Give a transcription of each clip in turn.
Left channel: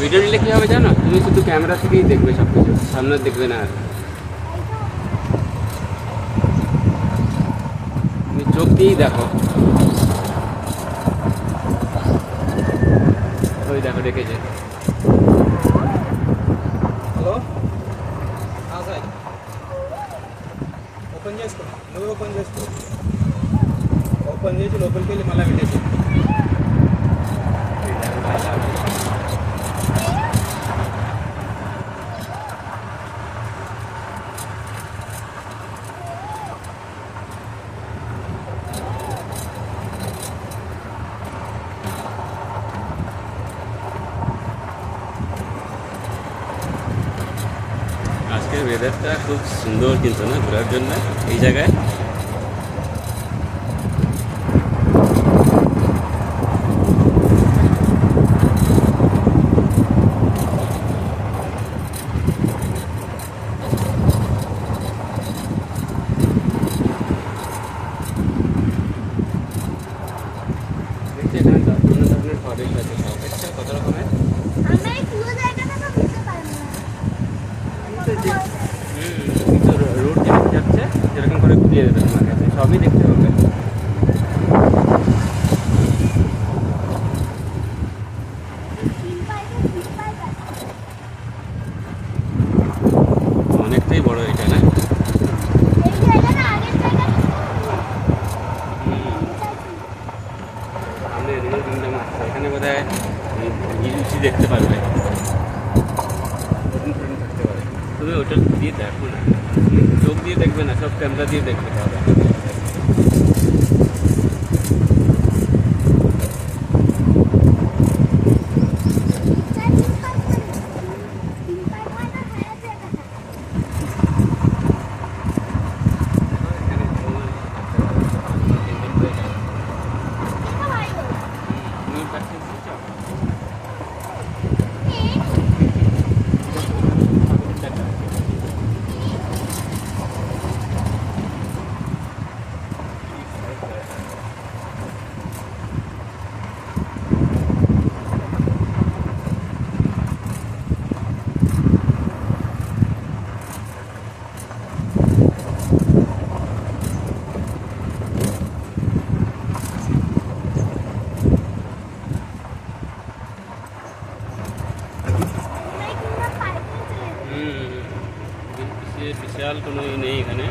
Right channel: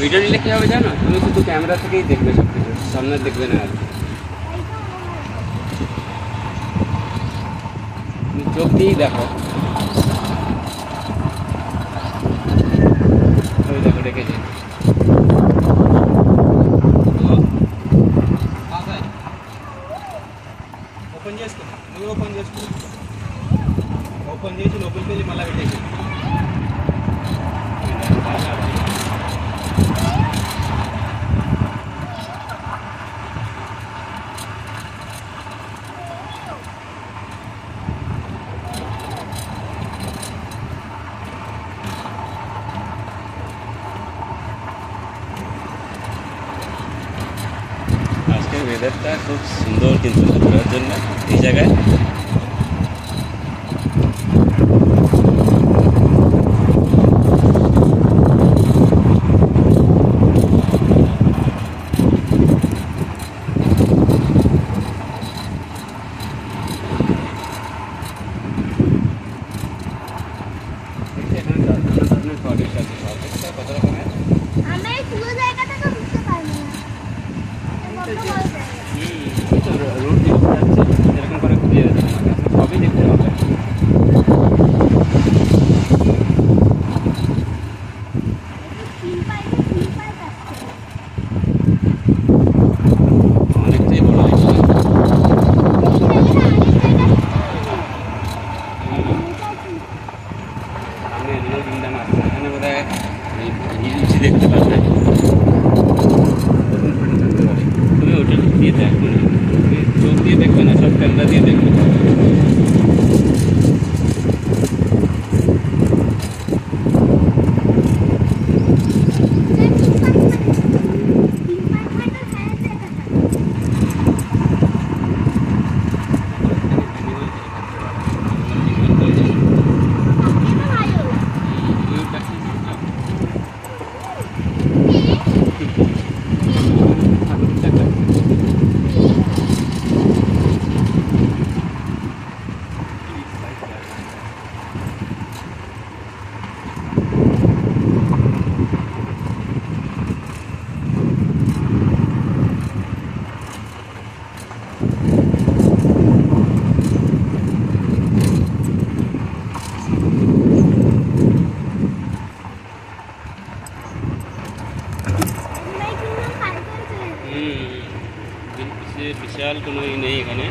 Video নিলে কী হবে জানো, তুমি শুধু ক্যামেরা থেকেই দেখবে সব কিছু, সামনে দেখবে না। আর তুমি চোখ দিয়েই দেখো। ওই দেখো ডেকেছে। ఓపెన్ చేసుకో, నువ్వు ఓపెన్ చేసుకో. ఓపెన్ చేసి లోపలికి వెళ్ళి మళ్ళీ పెట్టేసి. আজকের ওয়েদারটা খুব সুন্দর কিন্তু না ঘোরার জন্য এই জায়গায়। দেখছি এখানে ধরনের ফরেস্ট আছে, ফরেস্টটা কত রকমের। আমরা এই পুরো জায়গাটা তো বুঝতে পারবো না। রোড যেরকম যাচ্ছে সেরকম করে ঘুরিয়ে দেবে তোমাকে, সবই দেখতে হবে। অনেকটাই বড় হয়েছে না? সামনে অ্যানিমাল কিংডম আসবে, এখানে বোধ হয় হিলস দেখতে পারবে, হরিণ ফরিণ থাকতে পারে। তুমি ওটা দিয়ে দেখো না, তুমি চোখ দিয়ে দেখবে না, সব ক্যামেরা দিয়ে দেখবে তাহলে। বিশাল কোনো ই নেই এখানে।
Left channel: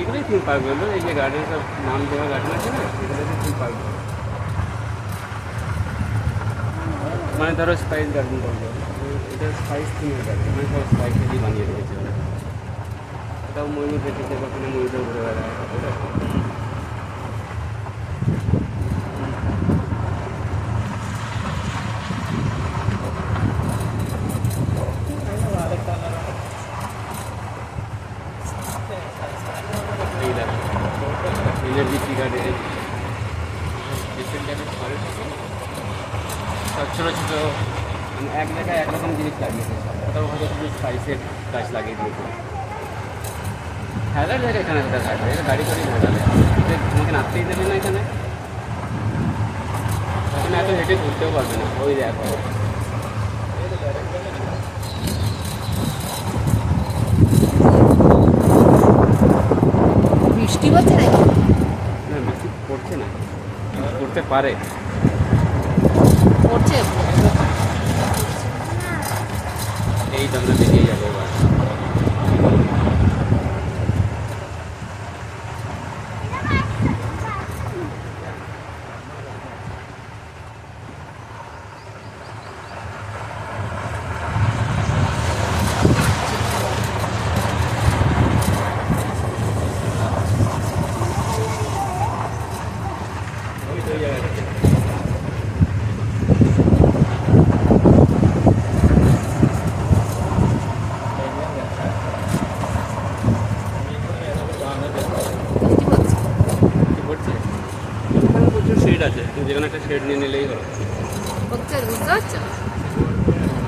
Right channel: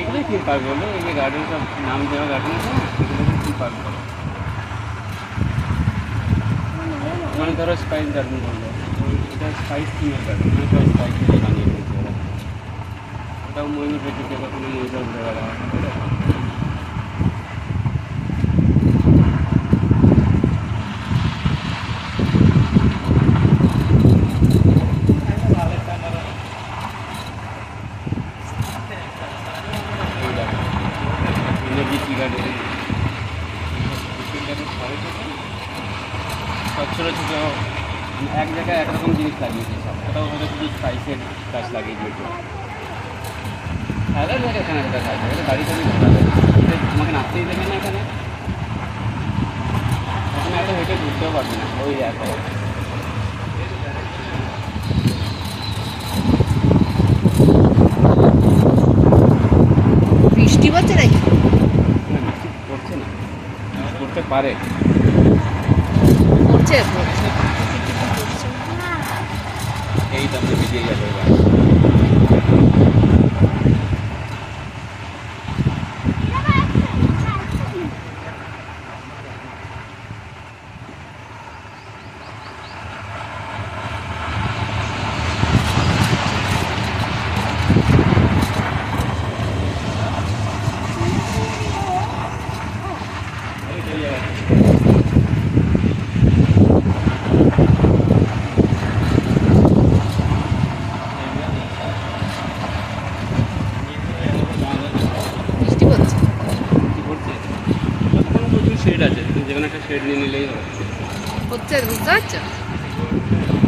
এগুলোই থিম পার্ক বললো, এই যে গার্ডেন সব নাম দেওয়া গার্ডেন আছে না, সেগুলোকে থিম পার্ক বলো। মানে ধরো স্পাইস গার্ডেন বললো, এটা স্পাইস থিমের গার্ডেন, মানে সব স্পাইস থেকে বানিয়ে রেখেছে ওরা। এটাও ময়ূর রেখেছে, ওখানে ময়ূরও ঘুরে বেড়ায়। এনার্জি টি গার্ডেন, সব ছোটো ছোটো এক জায়গায় একরকম জিনিস লাগিয়েছে, সব কোথাও কোথাও শুধু স্পাইসের গাছ লাগিয়ে দিয়েছে। খেলার জায়গা এখানে একটা থাকবে, এটা গাড়ি করে ঘোরাবে, তোমাকে নাচতেই দেবে না এখানে। থেকে ঘুরতেও পারবে না, ওই দেখো। বৃষ্টি পড়ছে নাকি? না বৃষ্টি পড়ছে না, পড়তে পারে। পড়ছে না এই তো আমরা বেরিয়ে যাবো এবার। এটা আসছে এই তো এই জায়গাটা। বৃষ্টি পড়ছে। কি পড়ছে? ওখানে প্রচুর শেড আছে, যে কোনো একটা শেড নিয়ে নিলেই হবে। পড়ছে বুঝতে পারছো?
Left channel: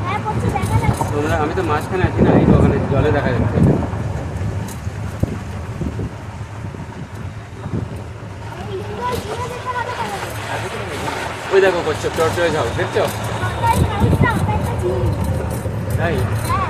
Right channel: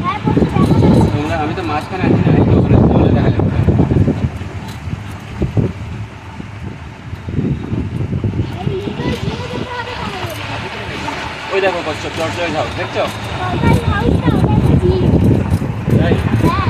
হ্যাঁ পড়ছে দেখা যাচ্ছে তোমরা, আমি তো মাঝখানে আছি না, এই তো ওখানে জলে দেখা যাচ্ছে। এই লিঙ্গই দিয়ে যেতে হবে তাহলে ওই দেখো করছো, চর্চায় যাও, দেখছো? সরকারি হাউসটা ওটা একটা ঝিল তাই হ্যাঁ